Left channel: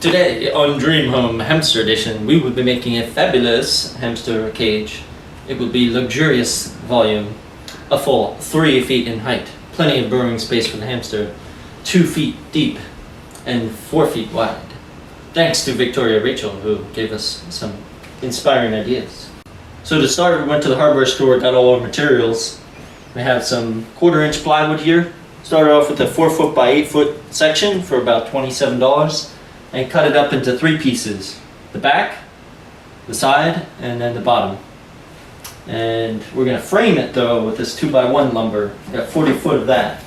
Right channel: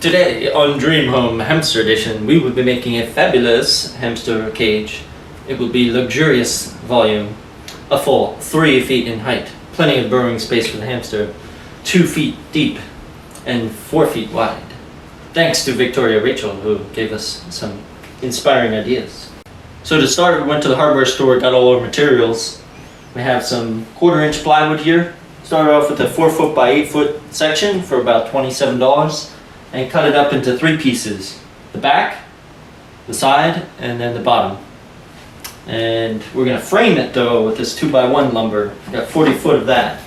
Today on Dream Home Hamster Edition, we will be making a fabulous hamster cage. It will be luxurious volume, a full 3 feet in height, plenty of burrowing space for the hamster, 2 feet deep and 4 feet wide. Thanks to Victoria Rachel, who gave us some inspiring ideas. So to start, we went to the hardware store, got all our materials. We have some 1/4-inch plywood here. Started off with a 4 foot by 8 foot section for about $27. And cut it up into 3 pieces: the back, the side, and then the bottom. And we're going to frame it though with this 2x1 lumber. We've got 40 foot of that.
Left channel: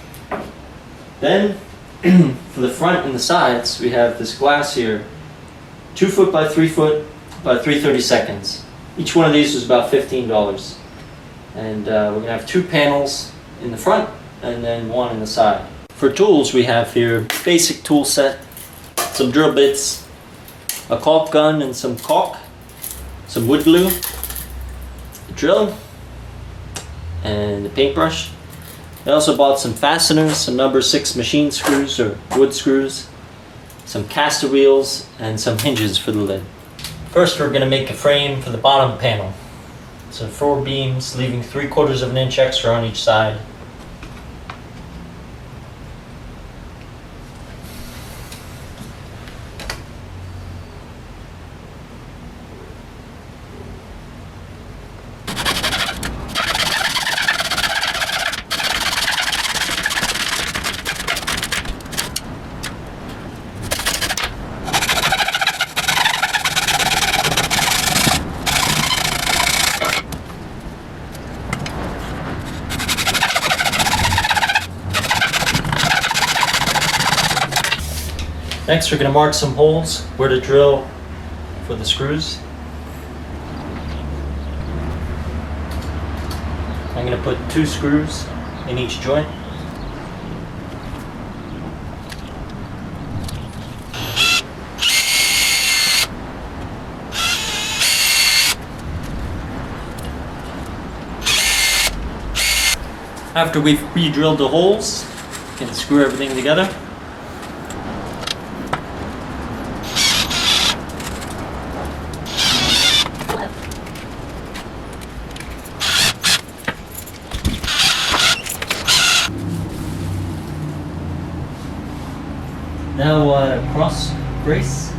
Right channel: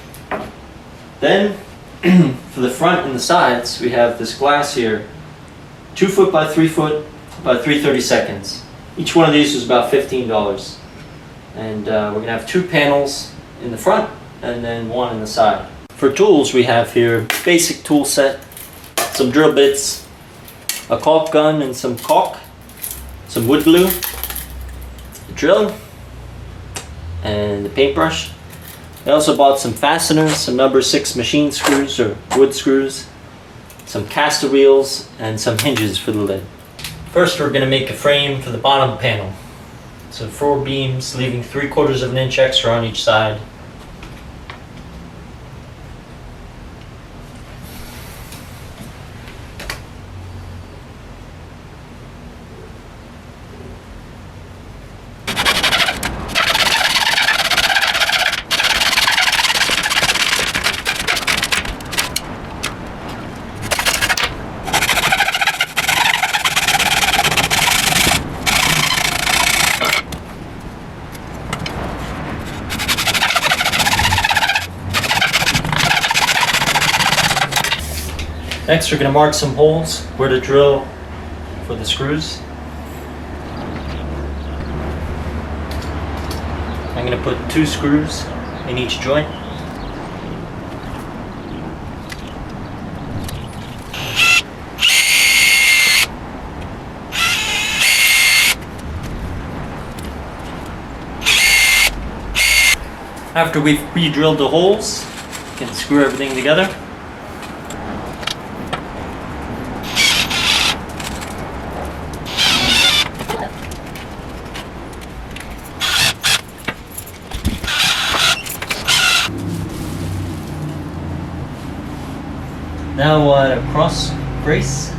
Then for the front and the sides, we have this glass here, 2 foot by 3 foot by 3/32. Each one of these was about $15. And we're going to have 2 panels in the front and then 1 in the side. For tools, we have here basic tool set, some drill bits, a caulk gun and some caulk, some wood glue, a drill, and a paintbrush. I also bought some fasteners, some number 6 machine screws or wood screws, some caster wheels, and some hinges for the lid. First, we're going to make a frame for the bottom panel. So 4 beams, leaving 3/4 of an inch extra on each side. Next, we're going to mark some holes where to drill for the screws. I'm going to put 2 screws in each joint. After we've re-drilled the holes, we can screw everything together. Now we'll add a cross brace.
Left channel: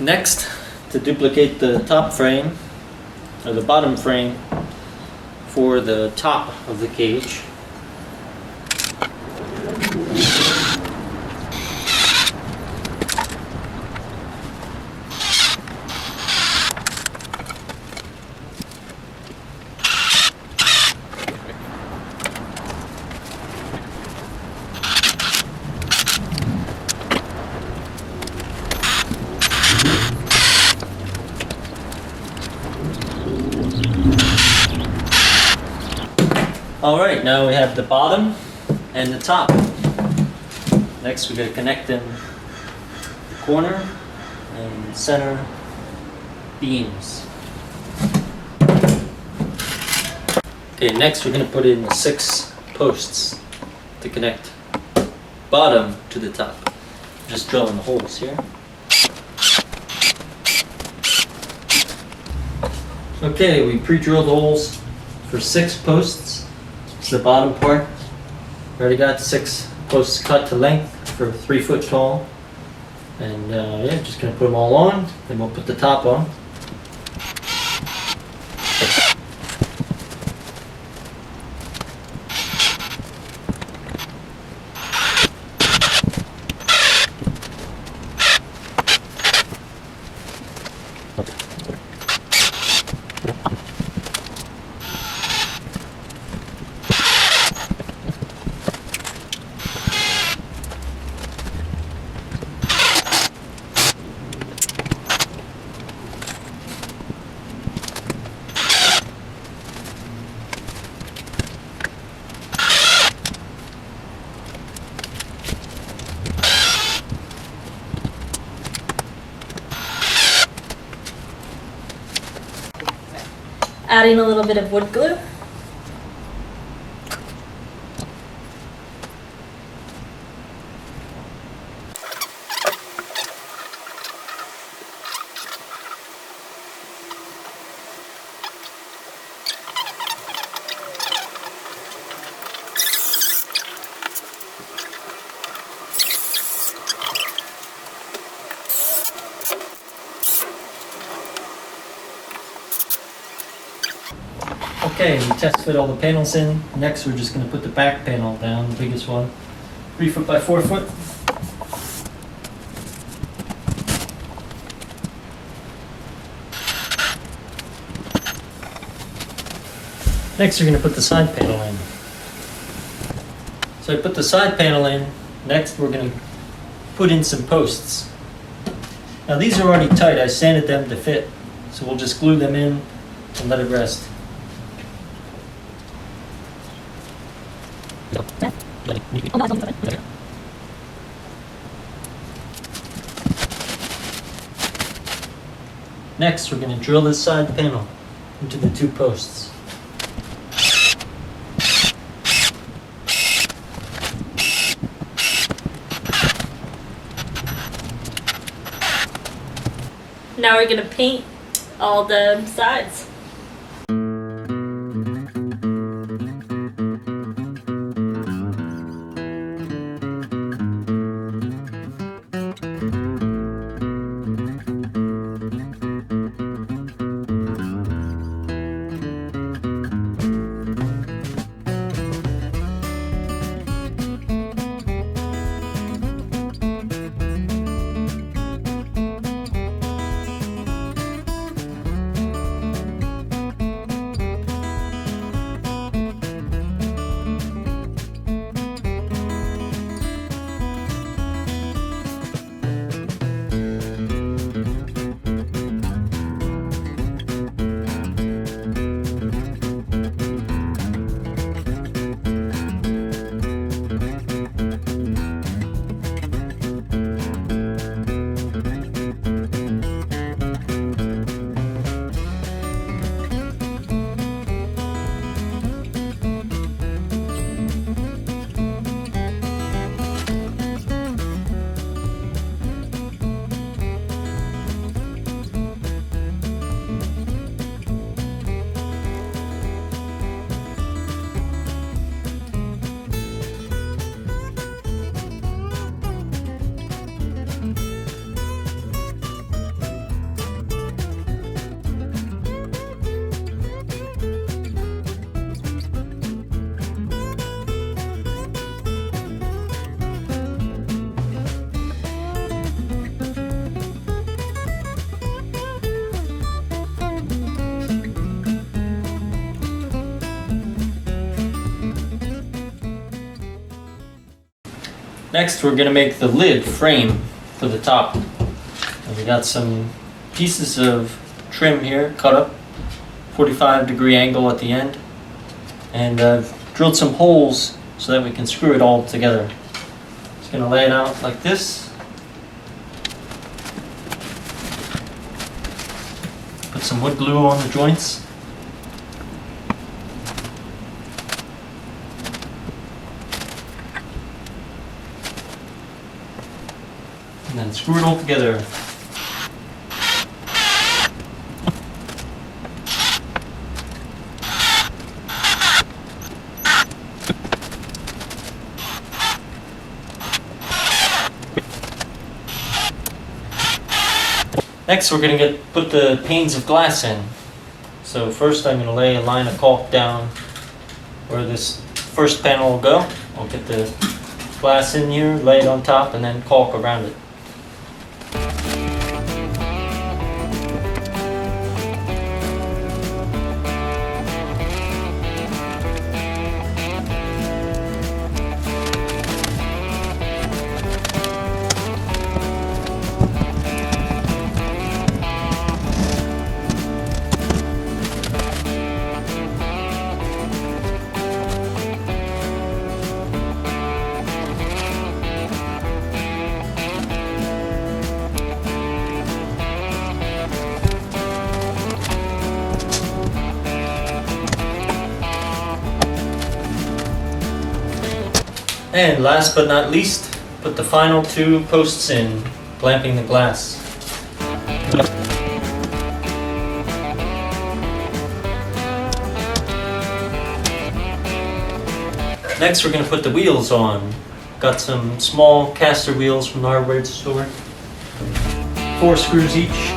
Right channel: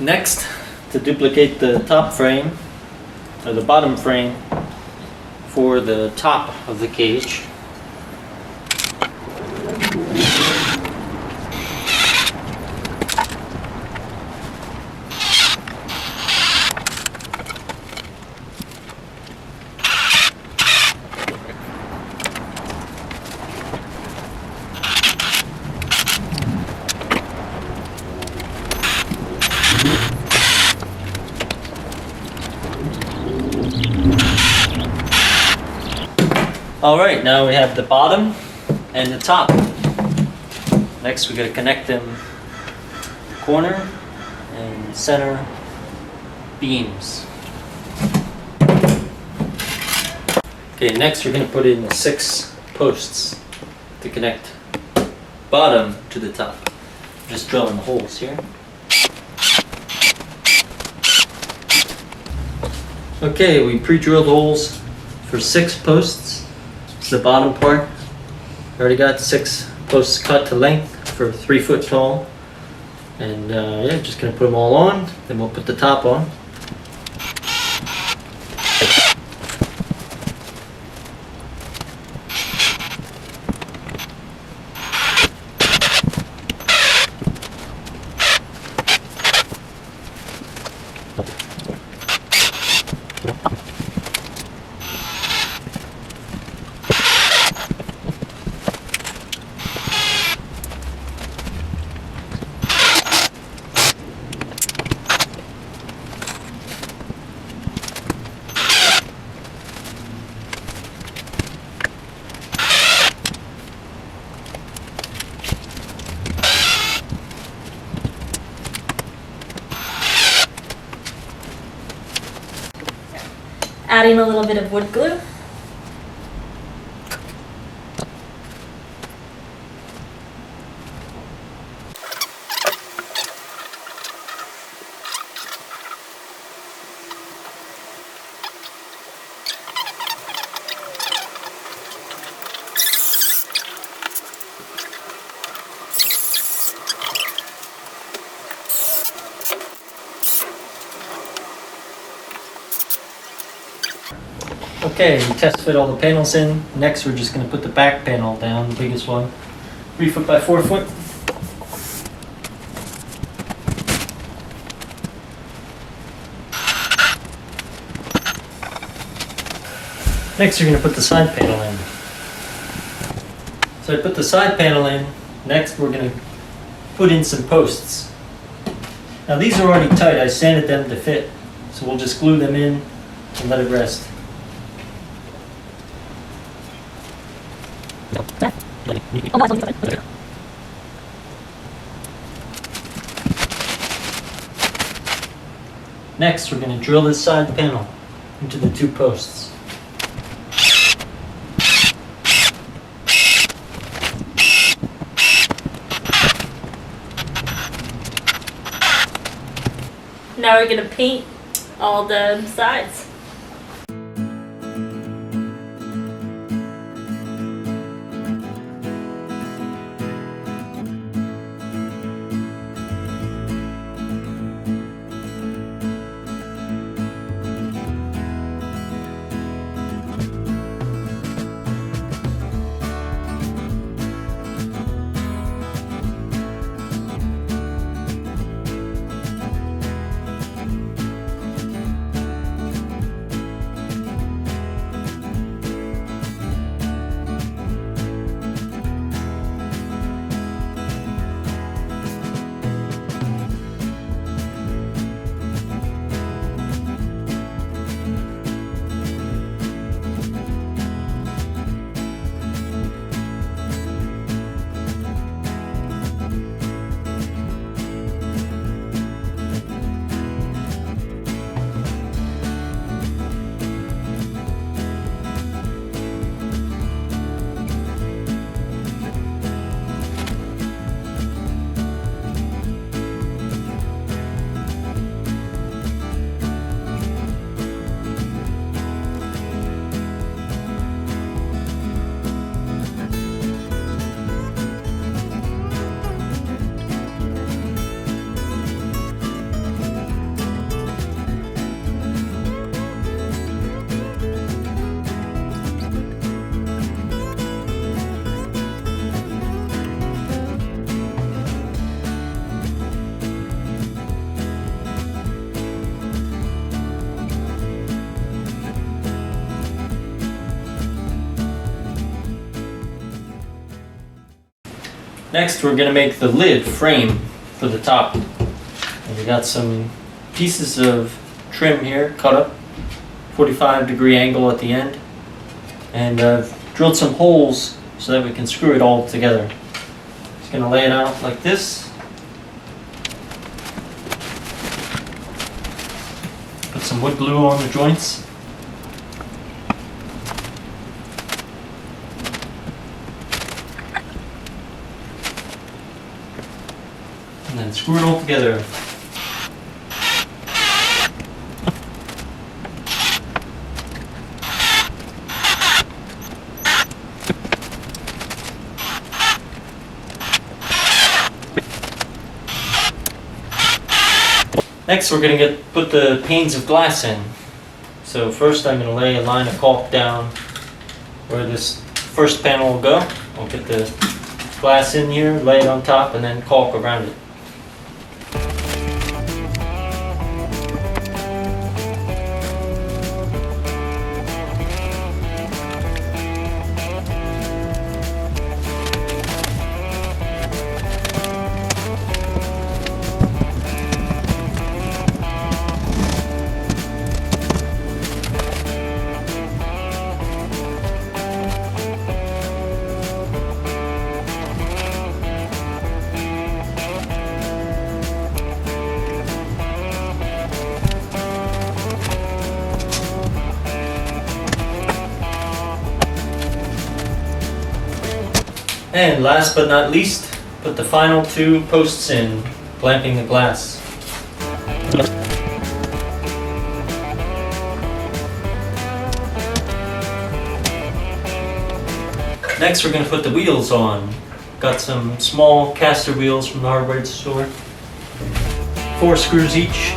Next, to duplicate the top frame, or the bottom frame, for the top of the cage, Alright, now we have the bottom and the top. Next we're going to connect them the corner and center beams. Okay, next we're going to put in 6 posts to connect bottom to the top. Just drilling the holes here. Okay, we pre-drilled holes for 6 posts. It's the bottom part. We already got 6 posts cut to length for 3 foot tall. And yeah, just gonna put them all on, then we'll put the top on. Adding a little bit of wood glue. Okay, we test fit all the panels in. Next we're just going to put the back panel down, the biggest one. 3 foot by 4 foot. Next we're going to put the side panel in. So I put the side panel in. Next we're going to put in some posts. Now these are already tight. I sanded them to fit. So we'll just glue them in and let it rest. Next, we're going to drill this side panel into the 2 posts. Now we're gonna paint all the sides. Next, we're going to make the lid frame for the top. And we got some pieces of trim here cut up, 45-degree angle at the end, and I've drilled some holes so that we can screw it all together. Just going to lay it out like this. Put some wood glue on the joints. And then screw it all together. Next, we're going to put the panes of glass in. So first I'm going to lay a line of caulk down where this first panel will go. I'll get the glass in here, lay it on top, and then caulk around it. And last but not least, put the final 2 posts in, clamping the glass. Next, we're going to put the wheels on. Got some small caster wheels from the hardware store. 4 screws each.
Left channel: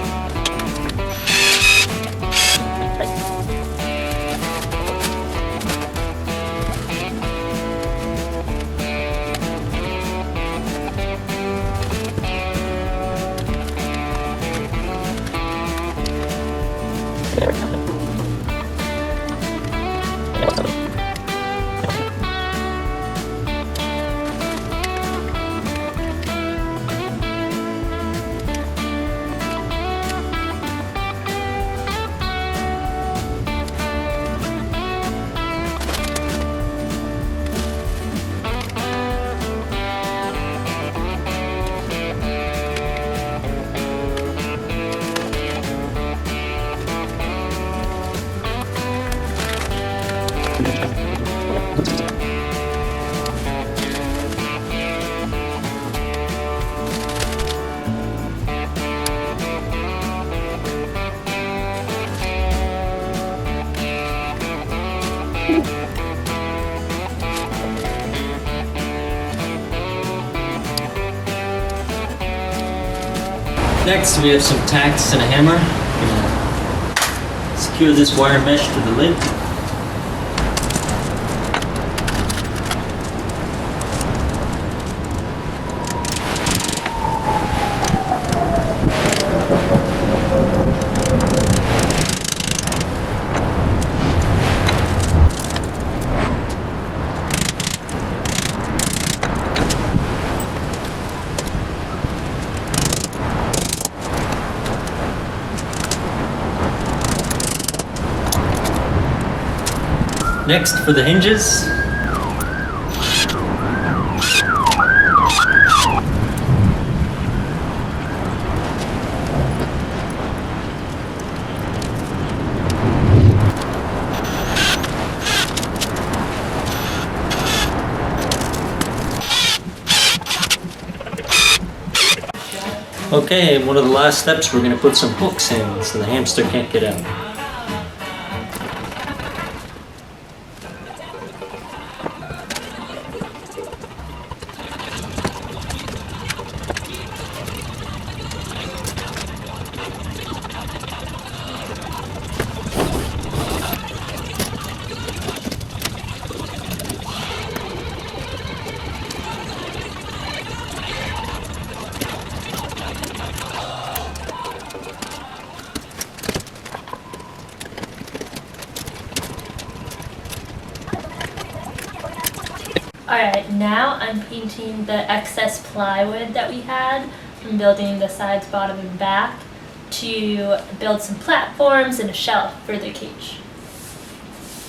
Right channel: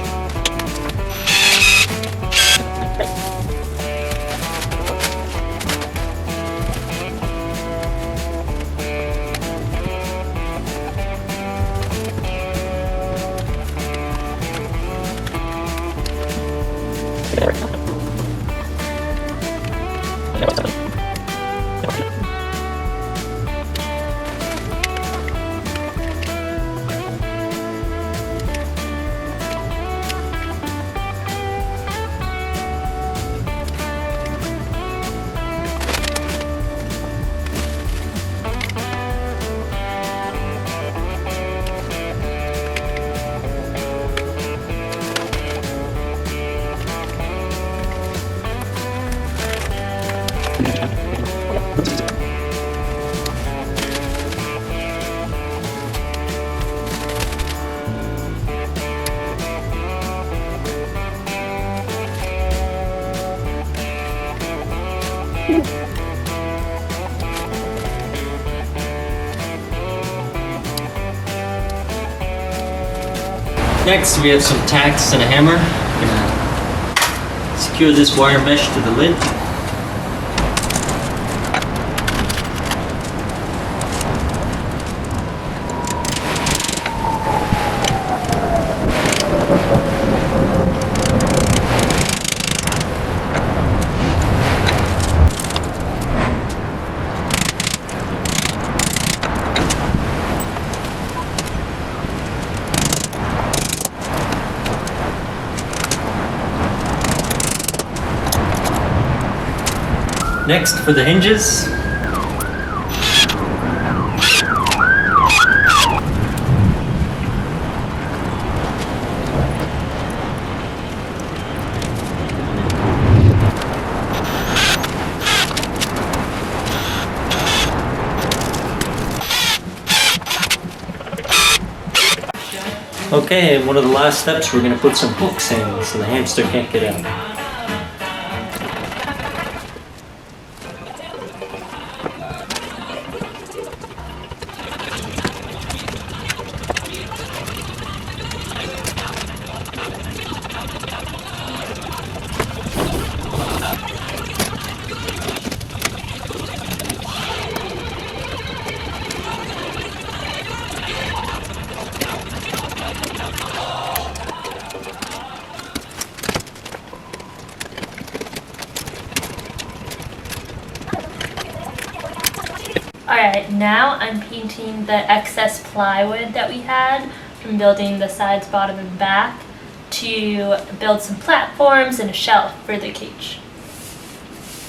Next, we have some tacks and a hammer. I'm gonna secure this wire mesh to the lid. Next, for the hinges, okay, one of the last steps, we're going to put some hooks in so the hamster can't get out. Alright, now I'm painting the excess plywood that we had from building the sides, bottom, and back to build some platforms and a shelf for the cage.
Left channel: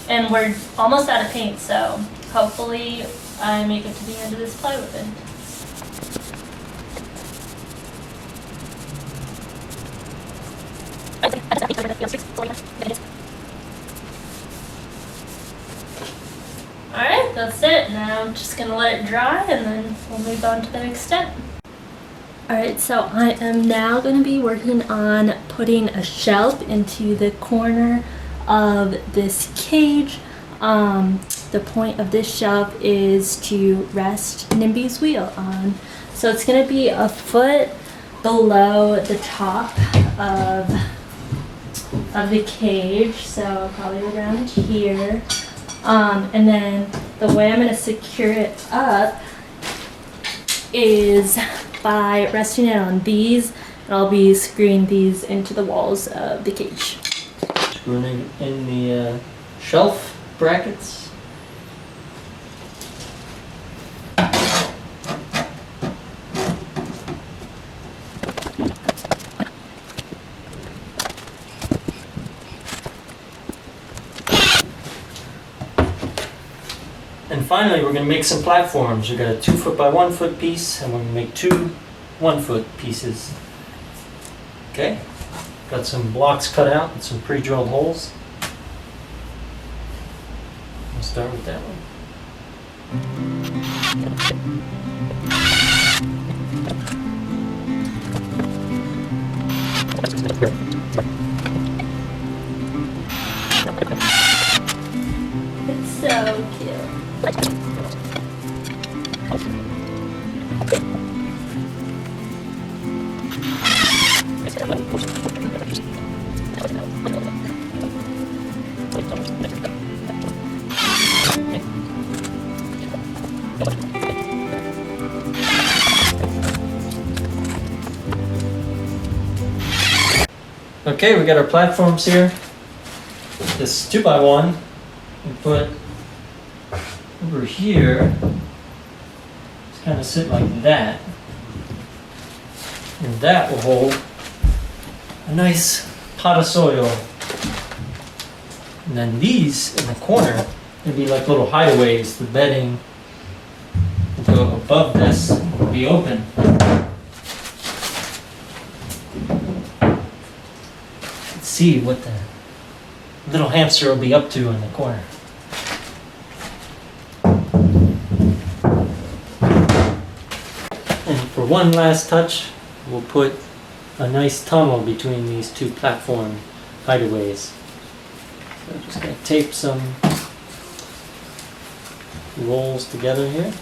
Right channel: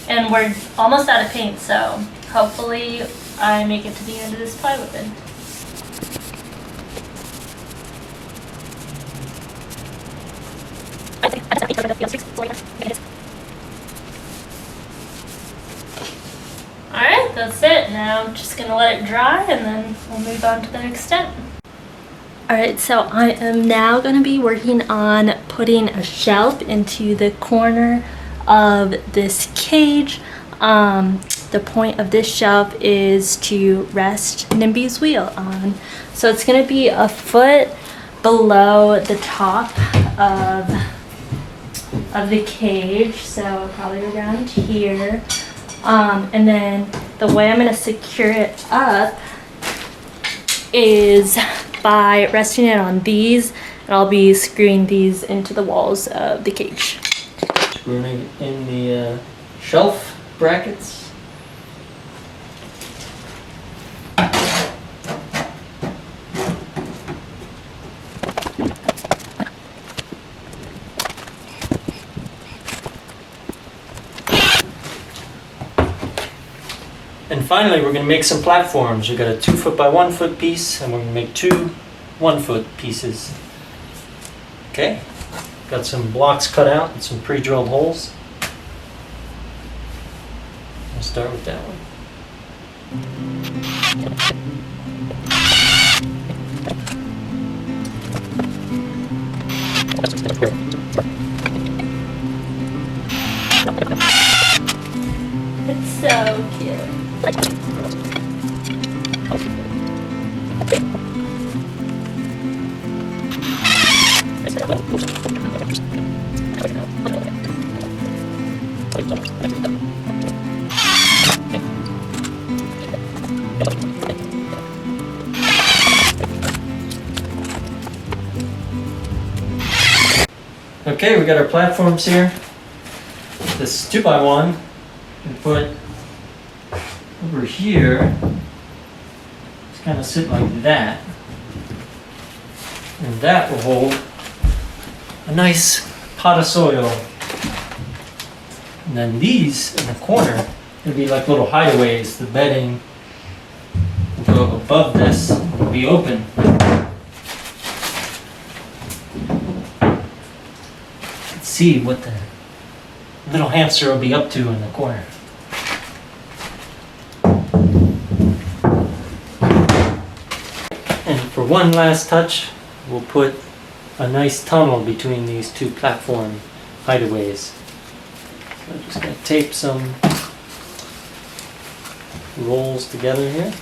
And we're almost out of paint, so hopefully I make it to the end of this plywood. that's it. Now I'm just gonna let it dry and then we'll move on to the next step. Alright, so I am now going to be working on putting a shelf into the corner of this cage. The point of this shelf is to rest Nimby's wheel on. So it's going to be a foot below the top of the cage, so probably around here. And then the way I'm going to secure it up is by resting it on these, and I'll be screwing these into the walls of the cage. Screwing it in the shelf brackets. And finally, we're going to make some platforms. We've got a 2 foot by 1 foot piece, and we're going to make 2 1 foot pieces. Okay, got some blocks cut out and some pre-drilled holes. We'll start with that one. It's so cute. Okay, we got our platforms here. This 2 by 1 and put over here. Just kind of sit like that. And that will hold a nice pot of soil. And then these in the corner will be like little hideaways. The bedding will go above this, will be open. Let's see what the little hamster will be up to in the corner. And for one last touch, we'll put a nice tunnel between these 2 platform hideaways. So I'm just going to tape some rolls together here.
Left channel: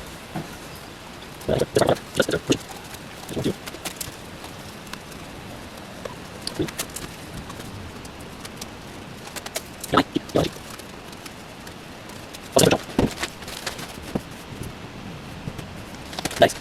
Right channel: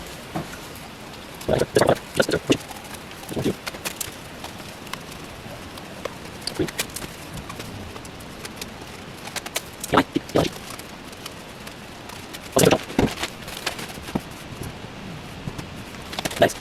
Nice.